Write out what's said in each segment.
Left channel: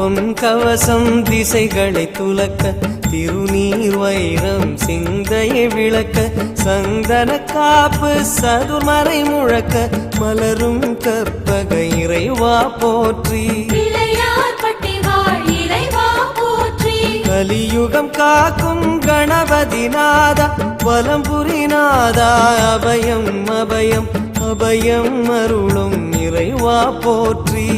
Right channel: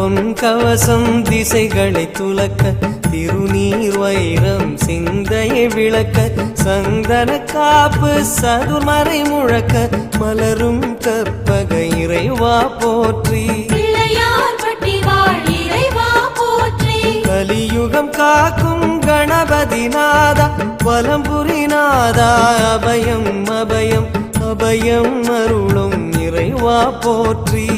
பொன் கவசம் திசைகளை துலக்க திருநீர் வைரம் சிந்தையை விளக்க சந்தன காப்பு சதுர்மறை முழக்க மலரும் கற்பக இறைவா போற்றி கலியுகம் காக்கும் கணபதி நாதா வலம்புரி நாதா அபயம் அபயம் அபயம் அருளும் இறைவா போற்றி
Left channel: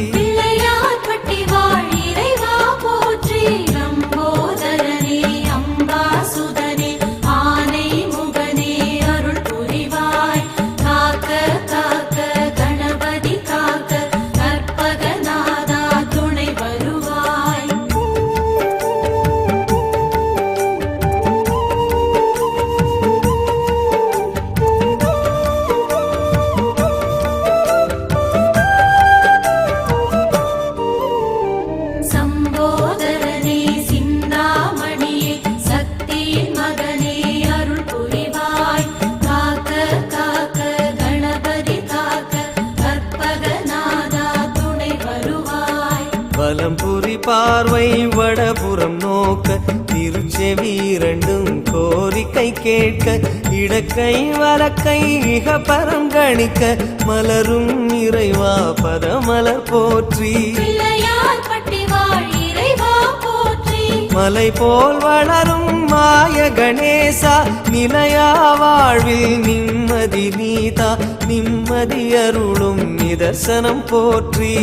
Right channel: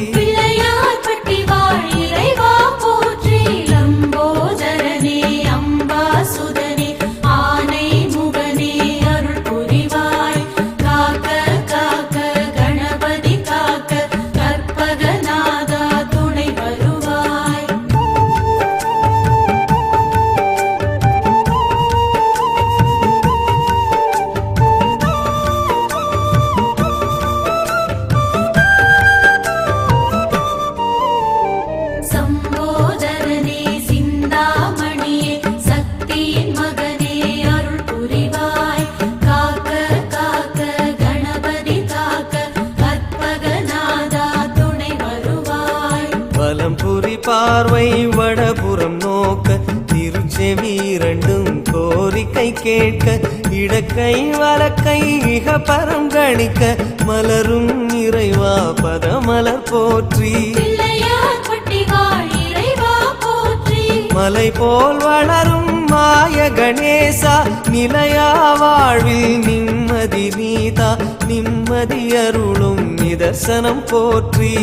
வலம்புரி பார்வை வடபுறம் நோக்க திருச்செவி இரண்டும் கோரிக்கை கேட்க இடக்கை வலக்கை இக பரம் கணிக்க மலரும் இறைவா பதமலர் போற்றி மலை போல் வளரும் மாய கணேசா நிலையா வாழ்வில் நிம்மதி நீதா நிம்மதி அருளும் நிதர்சனம் போற்றி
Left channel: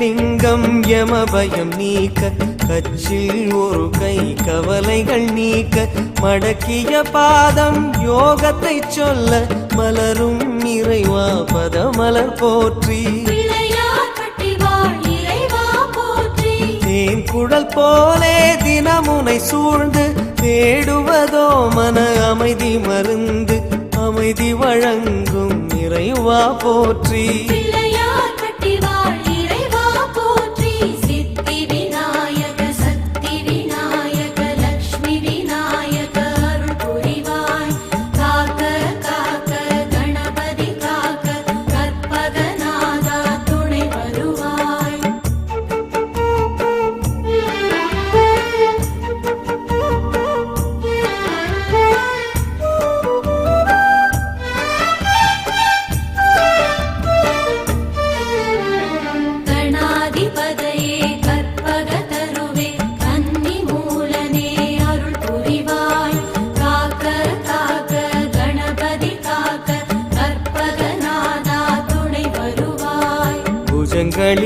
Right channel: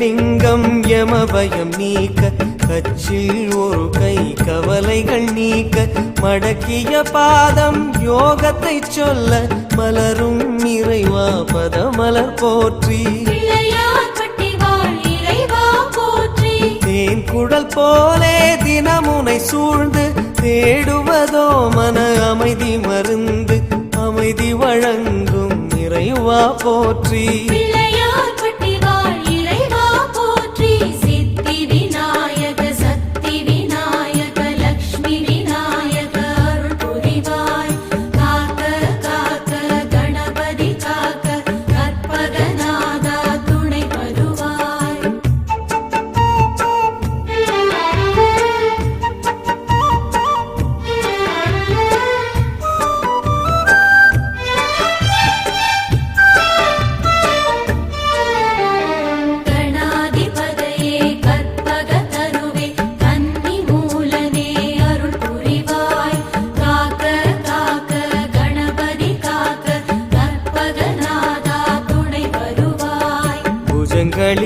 லிங்கம் யமபயம் நீக்க கச்சில் ஒரு கை கவலைகள் நீக்க மடக்கிய பாதம் யோகத்தை சொல்ல மலரும் இறைவா பதமலர் போற்றி தேன் குடல் போலே தினமுனை சூழ்ந்து தேடுவதோ மன அமைதி மருந்து அமைதி வழங்கும் இறைவா போற்றி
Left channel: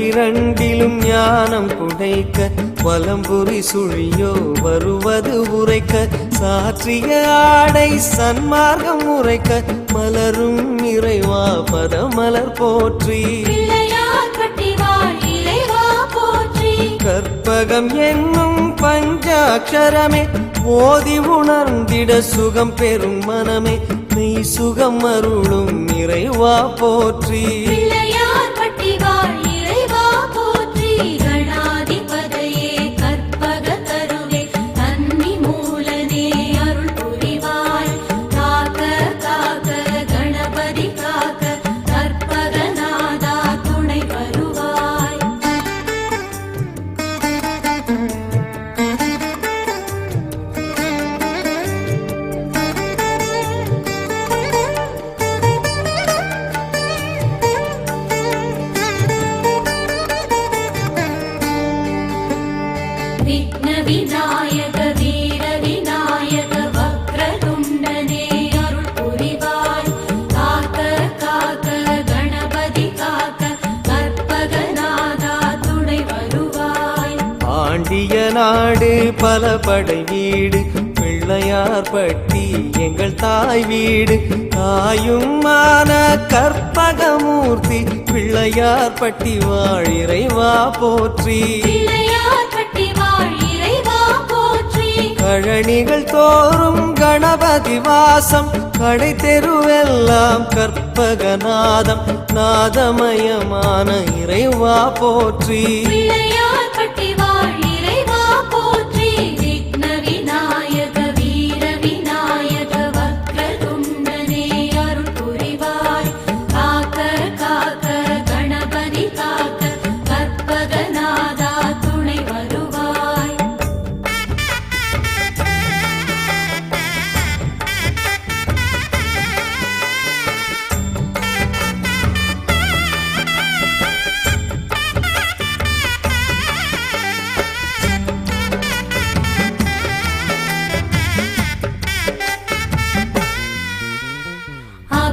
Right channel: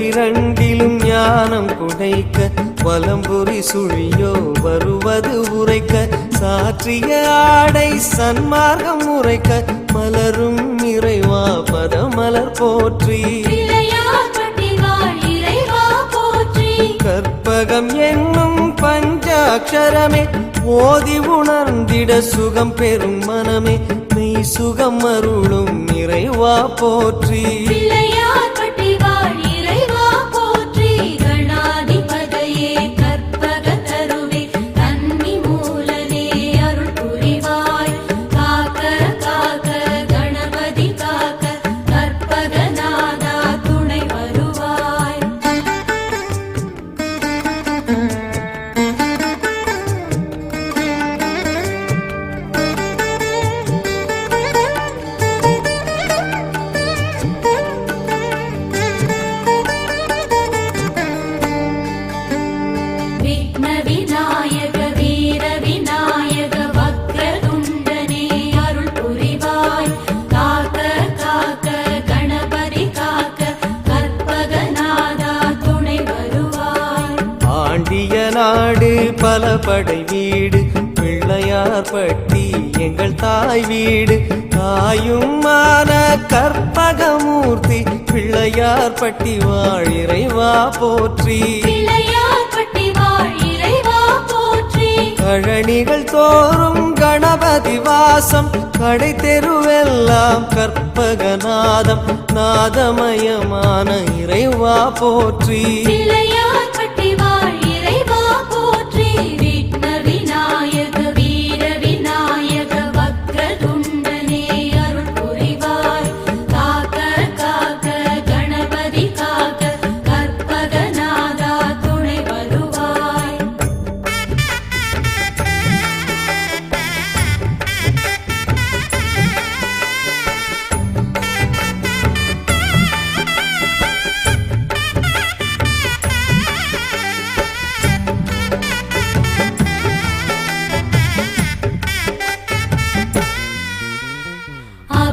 இரண்டிலும் ஞானம் குடைக்க வலம்புரி சுழியோ வருவது உரைக்க சாற்றிய ஆடை சன்மார்க்கம் உரைக்க மலரும் இறைவா பதமலர் போற்றி கற்பகம் என்னும் பஞ்சாட்சரமே ஓதி உணர்ந்திட சுகம் பெறும் மனமே மெய் சுகம் அருளும் இறைவா போற்றி பாண்டிய நாடு பல படை வீடு பிள்ளையார் பட்டி எங்கள் தாய் வீடு தாயுமான கற்பகமூர்த்தி பிள்ளையார் பட்டி வாழ் இறைவா போற்றி கழனிகள் தோறும் கணபதி வாசம் கடை தெருவெல்லாம் கற்பகநாதம் நாதமயமான இறைவா போற்றி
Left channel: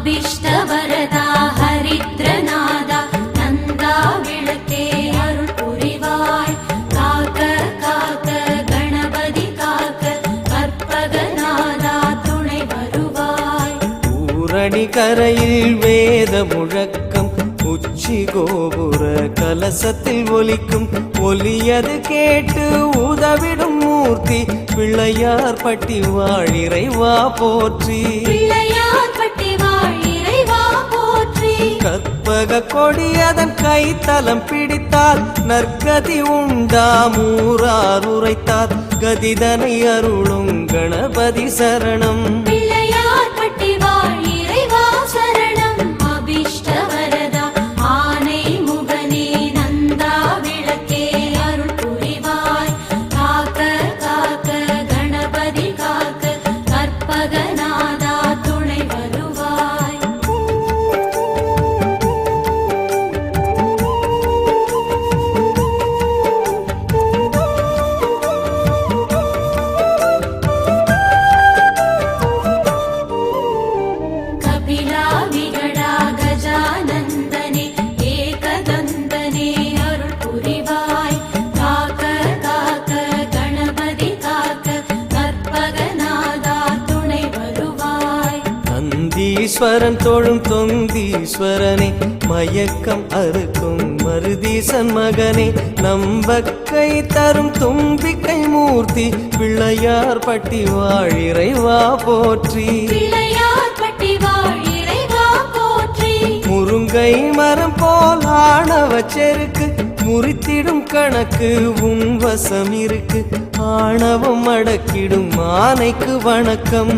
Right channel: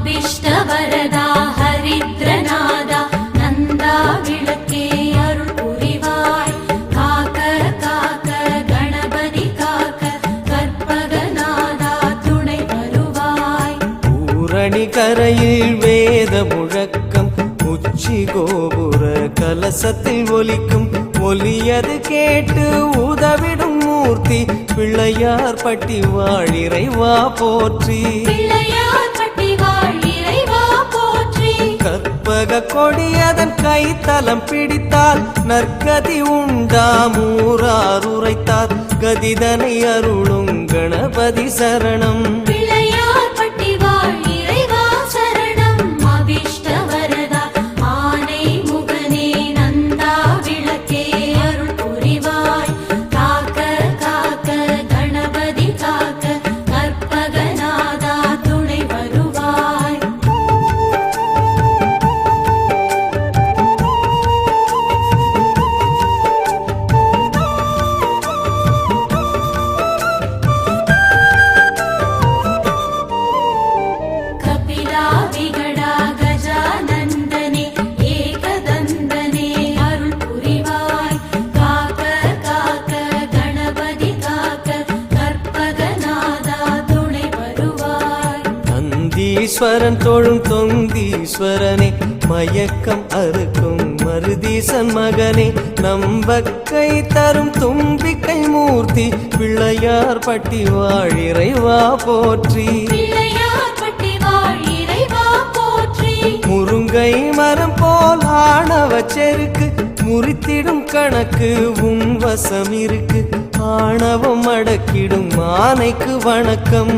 அபிஷ்டவரதா ஹரித்ரநாதா நந்தா விளக்கே அருள் புரிவாய் காக்க காக்க கணபதி காக்க கற்பகநாதா துணை வருவாய் பூரணி கரையில் வேத முழக்கம் உச்சி கோபுர கலசத்தில் ஒலிக்கும் ஒலியது கேட்டு உதவிடும் மூர்த்தி பிள்ளையார் பட்டி வாழ் இறைவா போற்றி கற்பக கொடியதன் கைத்தலம் பிடித்தால் நற்கதி உண்டாம் ஊரார் உரைத்தார் கதிதனை அருளும் கணபதி சரணம் ஈஸ்வரன் தோழும் தொந்தீஸ்வரனே மயக்கம் அறுக்கும் மருதீசன் மகனே நம்பக்கை தரும் தும்பிக்கை மூர்த்தி பிள்ளையார் பட்டி வாழ் இறைவா போற்றி முருங்கை மரம் போல் ஆணவ செருக்கு முறித்திடும் கணக்கு உன் வசம் இருக்கு ஆணவம் அடக்கிடும் ஆனைக்கு வணக்கம்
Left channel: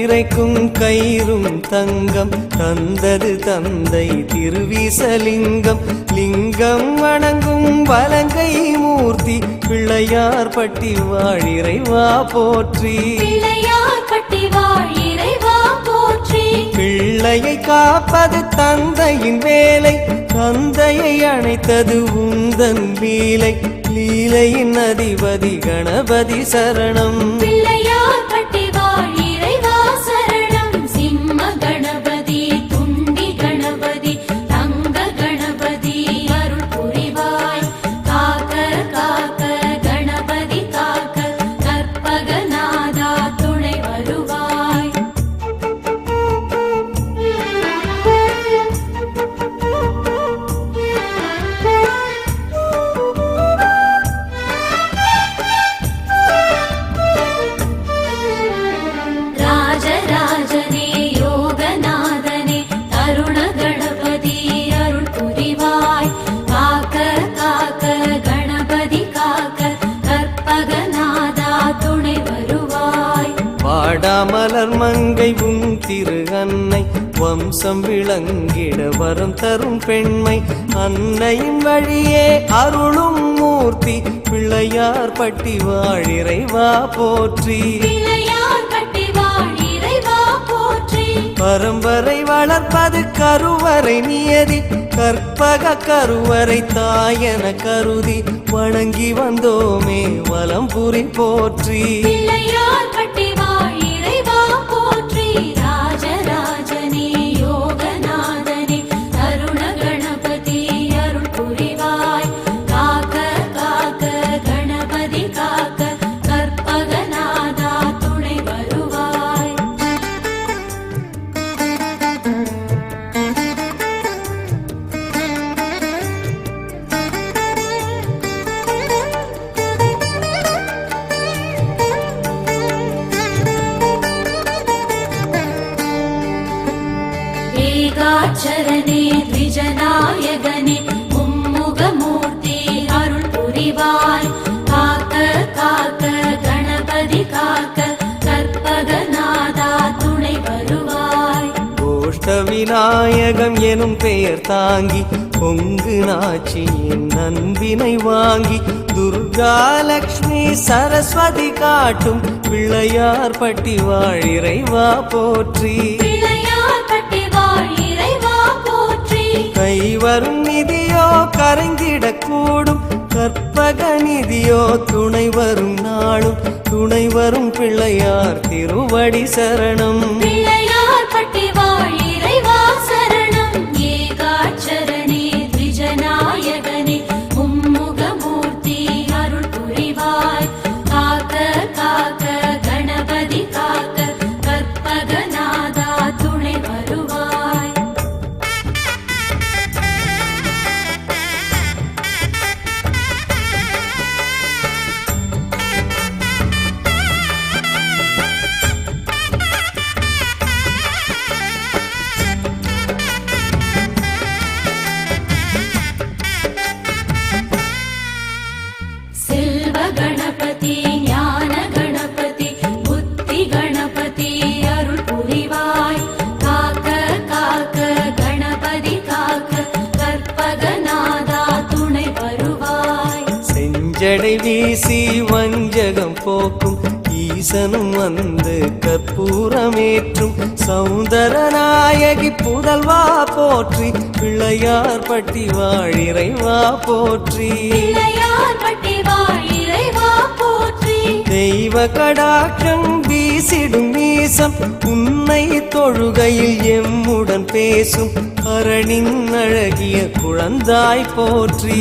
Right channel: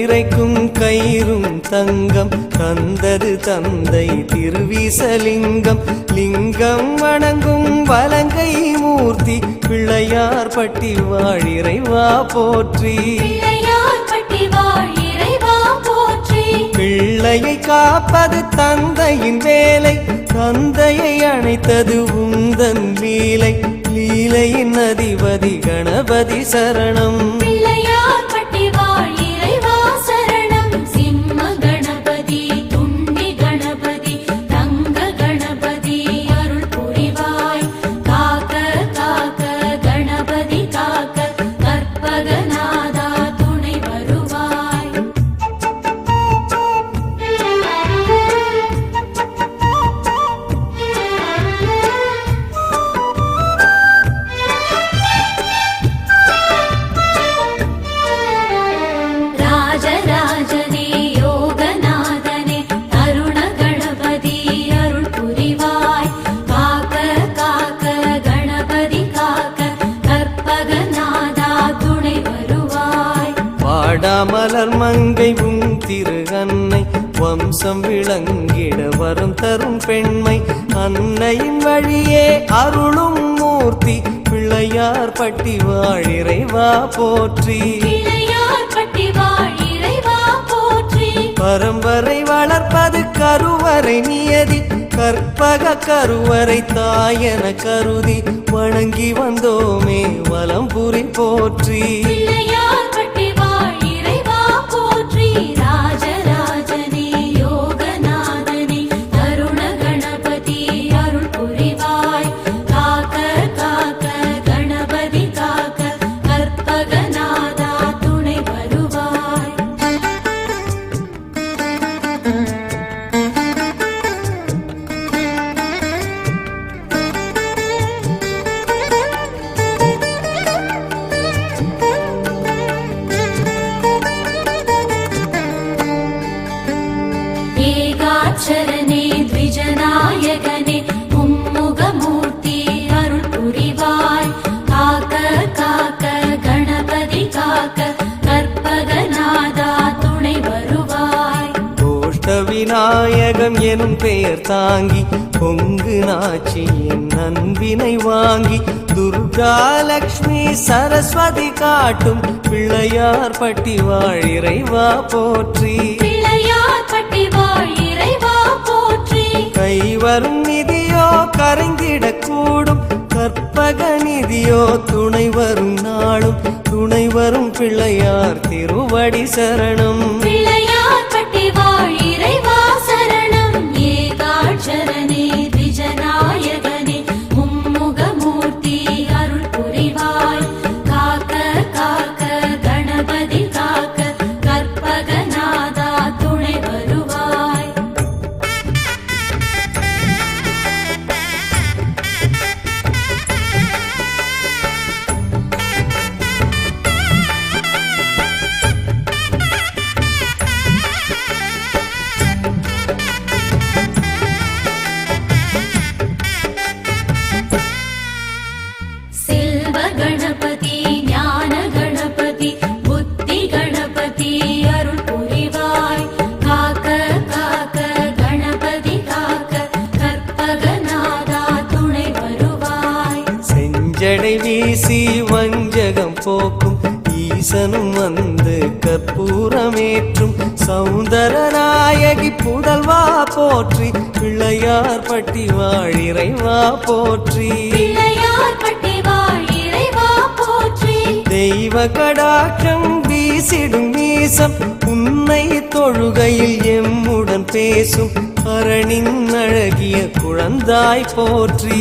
இறைக்கும் கயிறும் தங்கம் தந்தது தந்தை திருவிசலிங்கம் லிங்கம் வணங்கும் வலங்கை மூர்த்தி பிள்ளையார் பட்டி வாழ் இறைவா போற்றி பிள்ளையை காப்பது தந்தையின் வேலை தந்தையை அணைத்தது உந்தன் லீலை லீலையின் அதிபதி கணபதி சரணம் வாடாமலர் மங்கை உன் திரு அன்னை வம்சம் விளங்கிட வரம் தரும் பெண்மை அன்னையின் வழியே அருளும் மூர்த்தி பிள்ளையார் பட்டி வாழிறைவா போற்றி பரம்பரை வளர்ப்பது கருவறை நியதி கற்பக கருவறை தாயன கருதி வணங்கி வந்தோமே வலம்புரி போற்றி சரணே த்விஜநாயகனே மும்முகமூர்த்தி அருள் புரிவாய் காக்க காக்க கணபதி காக்க கற்பகநாதா துணை வருவாய் கோஷ்ட விநாயகம் எனும் பெயர் தாங்கி பொங்கு நாச்சியின் அன்பினை வாங்கி துர்கா லக்ஷ்மி சரஸ்வதி காட்டும் பிள்ளையார் பட்டி வாழிறைவா போற்றி கைவரும் நிதியோ கரைந்திடக்கூடும் கற்பக நிதியோ துணை வரும் நாளும் துணை வரும் பிள்ளையார் திருவடி சரணம் ஜடை வீசி வஞ்சகம் போக்கும் ஈசனும் வந்து கற்பூரமேற்றும் சௌந்தரநாயகி புதல்வா போற்றி பிள்ளையார் பட்டி வாழிறைவா போற்றி தெய்வ கடாட்சம் வீசிடும் மீசம் உன்னை தொழுகையில் எம்முடன் பேசும் அரணின் அழகிய குழந்தாய் போற்றி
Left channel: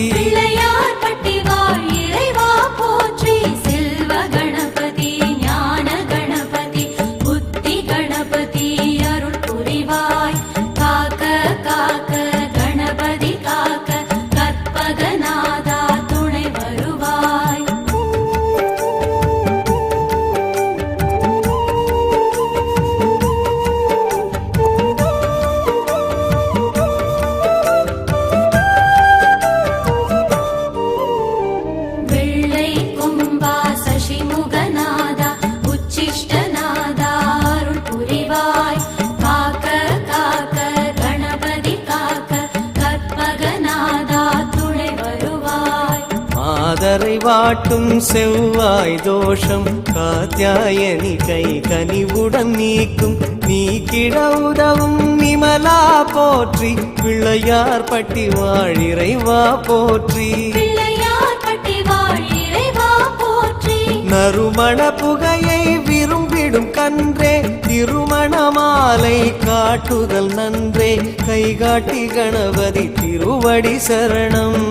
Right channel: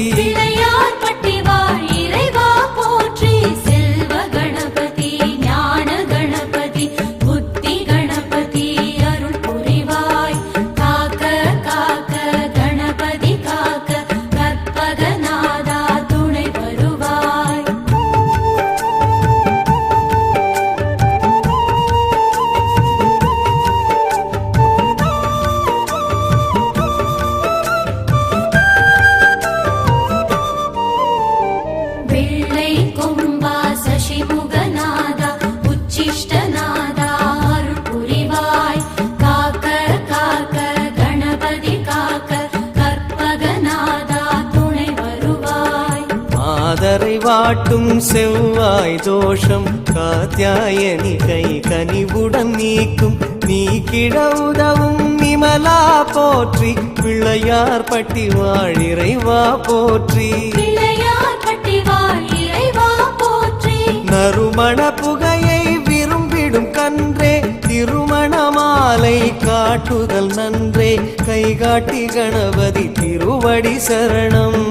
மாதரை வாட்டும் செவ்வாய் தோஷம் காத்யாயனி கை கனிவுடன் நீக்கும் நீக்கிட உதவும் நிமலா போற்றி பிள்ளையார் பட்டி வாழிறைவா போற்றி நறுமண புகையை விரும்பிடும் கன்றே திருமண மாலை காட்டுதல் நன்றே கைகாட்டி கணபதி திருவடி சரணம்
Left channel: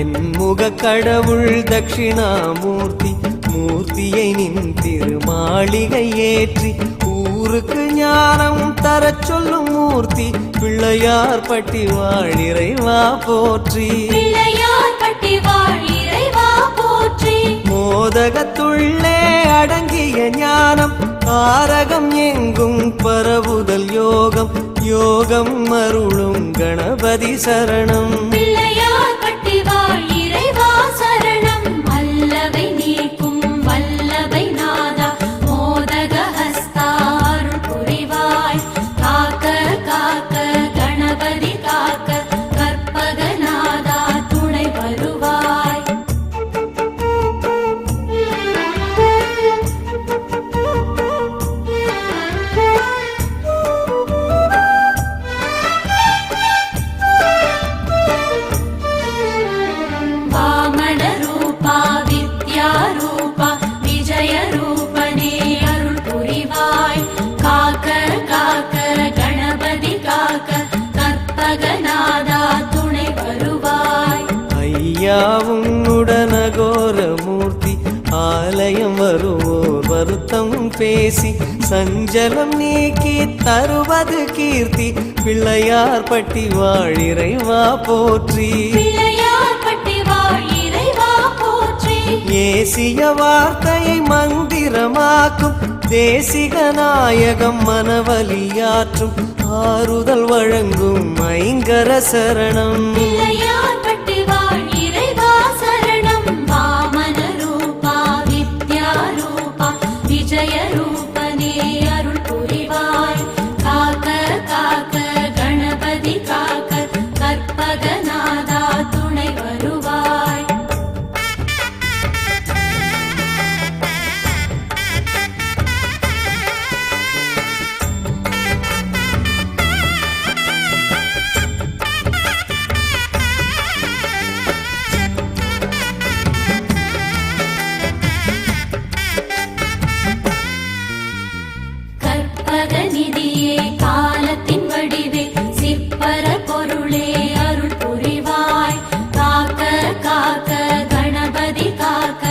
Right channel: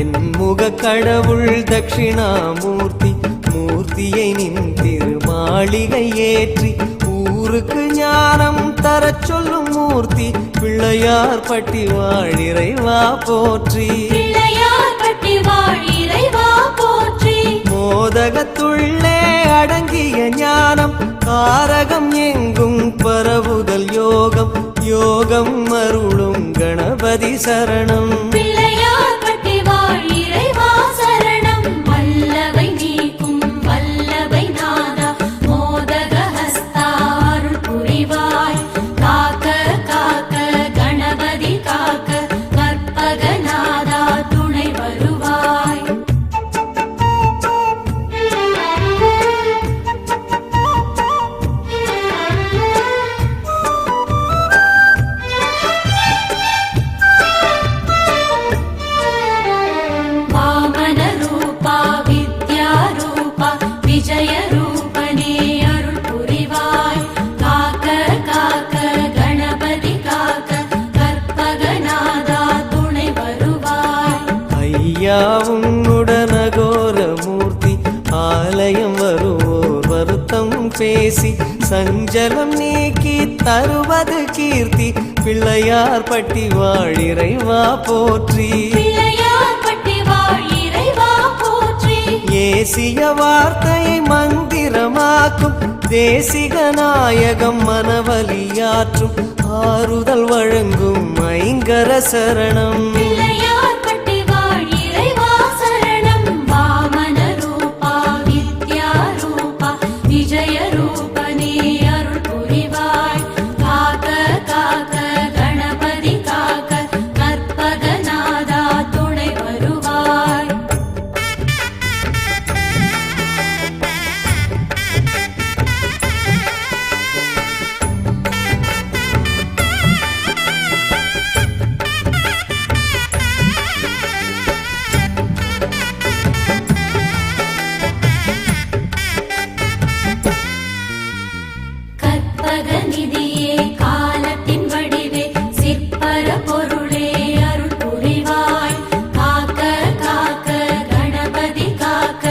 தென்முக கடவுள் தட்சிணாமூர்த்தி மூர்த்தியை நின் திருமாளிகை ஏற்றி ஊருக்கு ஞானம் தரச் சொல்லும் மூர்த்தி பிள்ளையார் பட்டி வாழிறைவா போற்றி பிள்ளையார்பட்டி வாழ் இறைவா போற்றி. மோதகத்துள்ளே அடங்கிய ஞானம் காரகம் எங்கும் பரவுதல் யோகம் யோகம் அருளும் கணபதி சரணம் பிள்ளையார்பட்டி வாழ் இறைவா சரணம். வல்லவை நீக்கும் வல்லவை நாதா மோதக ஹஸ்தா அருள் புரிவாய். காக்க காக்க கணபதி காக்க கற்பகநாதா துணை வருவாய். வாமன ரூபா வித்யா ரூபா விஜய ரூபனே அருள் புரிவாய். காக்க காக்க கணபதி காக்க கற்பகநாதா துணை வருவாய். ஐயாவும் உடனகோர மூர்த்தி ஆலயம் வருவோர் வருத்தம் பேசி சஞ்சலம் நீக்கி தருவது கீர்த்தி பிள்ளையார் பட்டி வாழிறைவா போற்றி பிள்ளையார்பட்டி வாழ் இறைவா போற்றி. ஏசிய வார்த்தையை மந்திரமாக்கும் தேசிக நாயகம் மனவலியாற்றும் ஆறுதல் வழங்கும் ஐங்கர சரணம் பிள்ளையார்பட்டி வாழ் இறைவா சரணம். வாமன ரூபா வித்யா ரூபா விஜய ரூபனே அருள் புரிவாய். காக்க காக்க கணபதி காக்க கற்பகநாதா துணை வருவாய். கற்பகநிதியே காலத்தின் வடிவே சிற்பர பொருளே அருள் புரிவாய். காக்க காக்க கணபதி காக்க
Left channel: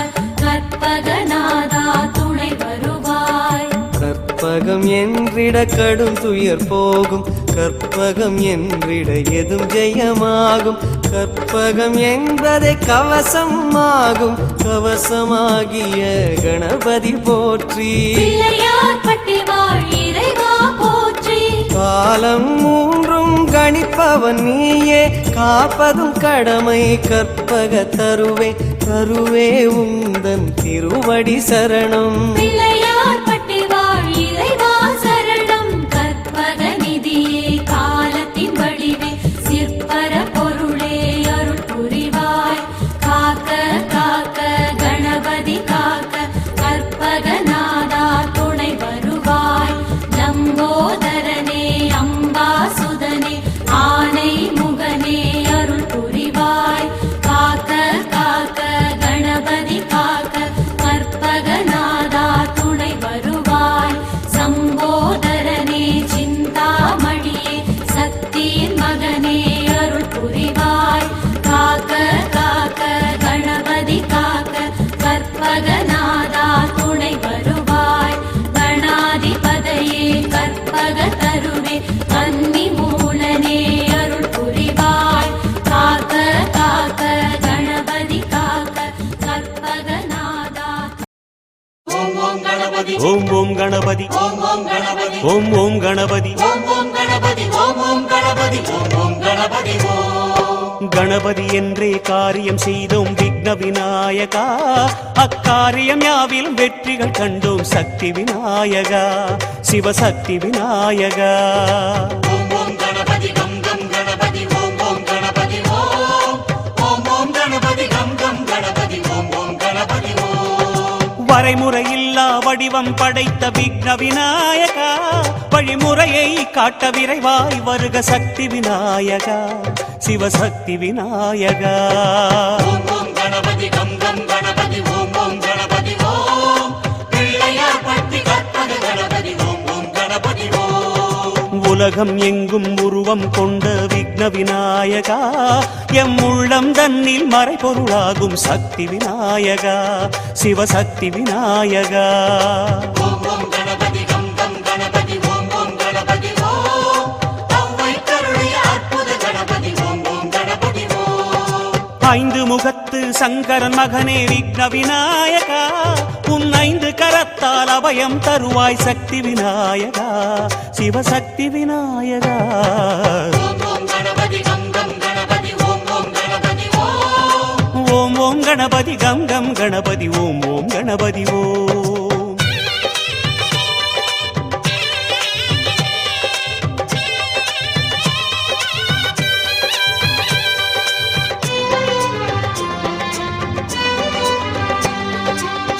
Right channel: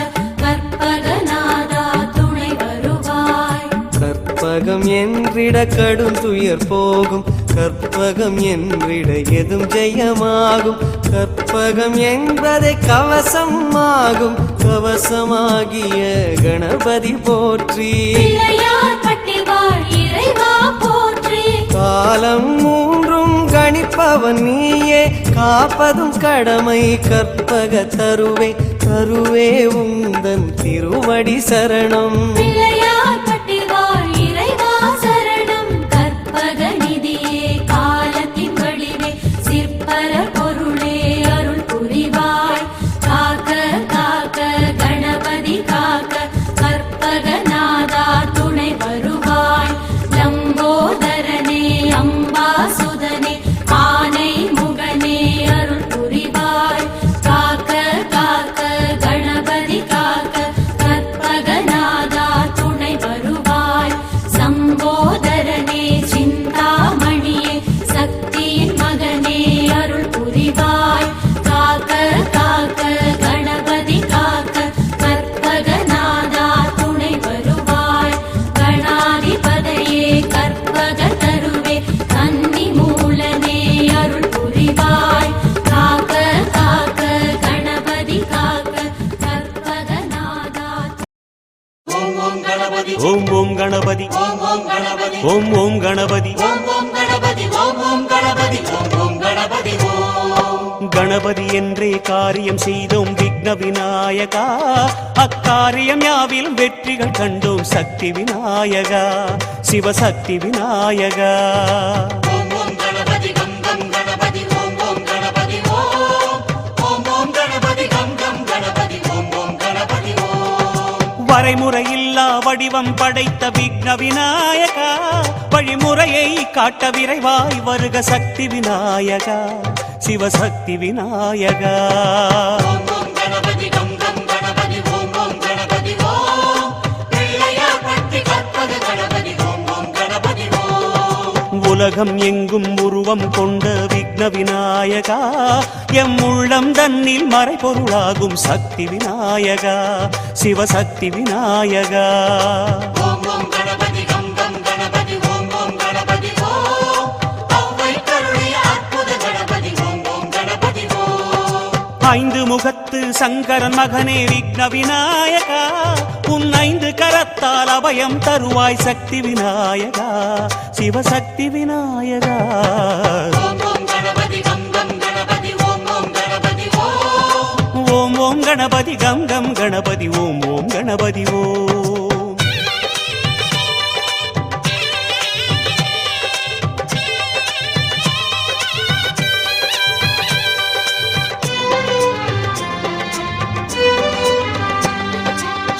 கற்பகநாதா துணை வருவாய். கற்பகம் என்றிட கடும் துயர் போகும் கற்பகம் என்றிட எதும் ஜெயமாகும் கற்பகம் என்பதை கவசம் ஆகும் கவசமாகிய கணபதி போற்றி பிள்ளையார்பட்டி வாழ் இறைவா போற்றி. காலம் மூன்றும் கணிப்பவன் நீயே காப்பதும் கடமை கற்பக தருவே தருவே உந்தன் திருவடி சரணம் பிள்ளையார்பட்டி வாழ் இறைவா சரணம். கற்பகநிதியே காலத்தின் வடிவே சிற்பர பொருளே அருள் புரிவாய். காக்க காக்க கணபதி காக்க கற்பகநாதா துணை வருவாய். லம்போதரனே அம்பாசுதனே ஆனை முகனே அருள் புரிவாய். காக்க காக்க கணபதி காக்க கற்பகநாதா துணை வருவாய். சம்போதரனே சிந்தாமணியே சக்தியின் மகனே அருள் புரிவாய். காக்க காக்க கணபதி காக்க கற்பகநாதா துணை வருவாய். கணாதிபதியே கற்பக தருவே கன்னி மூலனே அருள் புரிவாய். காக்க காக்க கணபதி காக்க கற்பகநாதா. ஓம் ஓம் கணபதி ஓம் ஓம் கணபதி ஓம் ஓம் கணபதி ஓம் ஓம் கணபதி ஓம் ஓம் கணபதி ஓம் ஓம் கணபதி ஓம் ஓம் கணபதி ஓம் கணபதி என்றே காரியம் செய்தோம் விக்ன விநாயகா அக்காரியம் யாவிலும் வெற்றிகள் கண்டோம் சக்தி விநாயகா சிவசக்தி விநாயகா ஓம் ஓம் கணபதி கம் கம் கணபதி ஓம் ஓம் கணபதி ஓம் ஓம் ஓம் கணபதி கம் கம் கணபதி ஓம் ஓம் கணபதி ஓம் வரைமுறையில்லா வடிவம் படைத்த விக்ன விநாயகா வழிமுறையை காட்ட விரைவாய் வருக சக்தி விநாயகா சிவசக்தி விநாயகா ஓம் ஓம் கணபதி கம் கம் கணபதி ஓம் ஓம் கணபதி ஓம் பிள்ளையார் பட்டி கற்பக கணபதி ஓம் ஓம் கணபதி ஓம் உலகம் எங்கும் உருவம் கொண்ட விக்ன விநாயகா எம் உள்ளம் தன்னில் மறைபொருளாகும் சக்தி விநாயகா சிவசக்தி விநாயகா ஓம் ஓம் கணபதி கம் கம் கணபதி ஓம் ஓம் கணபதி ஓம் அவ்வை கருளிய அற்புத கணபதி ஓம் ஓம் கணபதி ஓம் ஐந்து முகத்து சங்கரன் மகனே விக்ன விநாயகா உன் ஐந்து கரத்தால் அபயம் தருவாய் சக்தி விநாயகா சிவசக்தி விநாயகா ஓம் ஓம் கணபதி கம் கம் கணபதி ஓம் ஓம் கணபதி ஓம் ஓம் ஓம் கணபதி கம் கம் கணபதி ஓம் ஓம் கணபதி ஓம்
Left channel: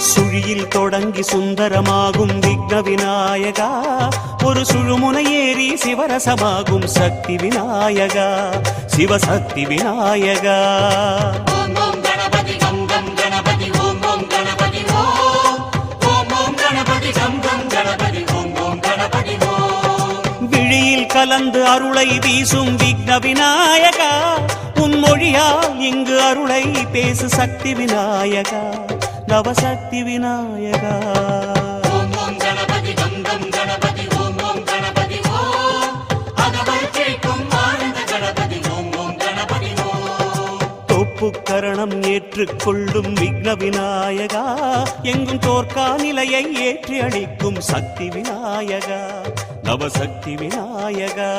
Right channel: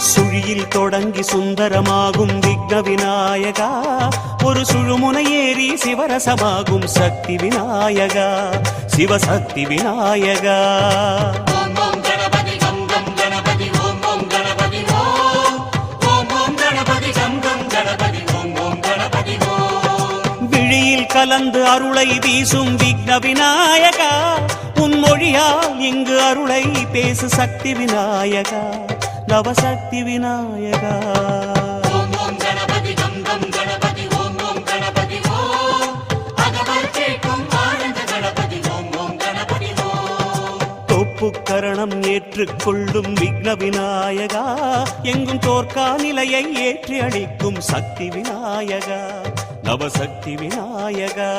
சுழியில் தொடங்கி சுந்தரமாகும் விக்ன விநாயகா ஒரு சுழுமுனை ஏறி சிவரசமாகும் சக்தி விநாயகா சிவசக்தி விநாயகா ஓம் ஓம் கணபதி கம் கம் கணபதி ஓம் ஓம் கணபதி ஓம் ஓம் ஓம் கணபதி கம் கம் கணபதி ஓம் ஓம் கணபதி ஓம் விழியில் கலந்து அருளை வீசும் விக்ன விநாயகா உன் மொழியால் இங்கு அருளை பேசு சக்தி விநாயகா நவசக்தி விநாயகா ஓம் ஓம் கணபதி கம் கம் கணபதி ஓம் ஓம் கணபதி ஓம் அகவல் கேட்கும் ஆனந்த கணபதி ஓம் ஓம் கணபதி ஓம் தோப்புக்கரணம் ஏற்றுக்கொள்ளும் விக்ன விநாயகா எங்கும் தோற்கா நிலையை ஏற்றி அளிக்கும் சக்தி விநாயகா நவசக்தி விநாயகா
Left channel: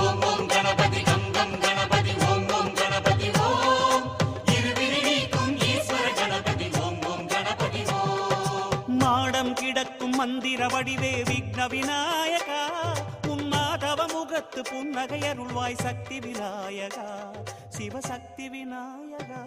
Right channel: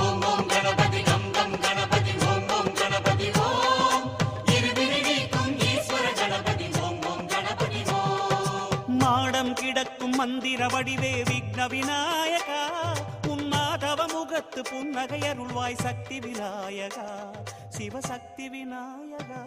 ஓம் ஓம் கணபதி கம் கம் கணபதி ஓம் ஓம் கணபதி ஓம் இருவிழி நீக்கும் ஈஸ்வர கணபதி ஓம் ஓம் கணபதி ஓம் மாடம் கிடக்கும் மந்திர வடிவே விக்ன விநாயகா உன் மாதவ முகத்து புன்னகை அருள்வாய் சக்தி விநாயகா சிவசக்தி விநாயகா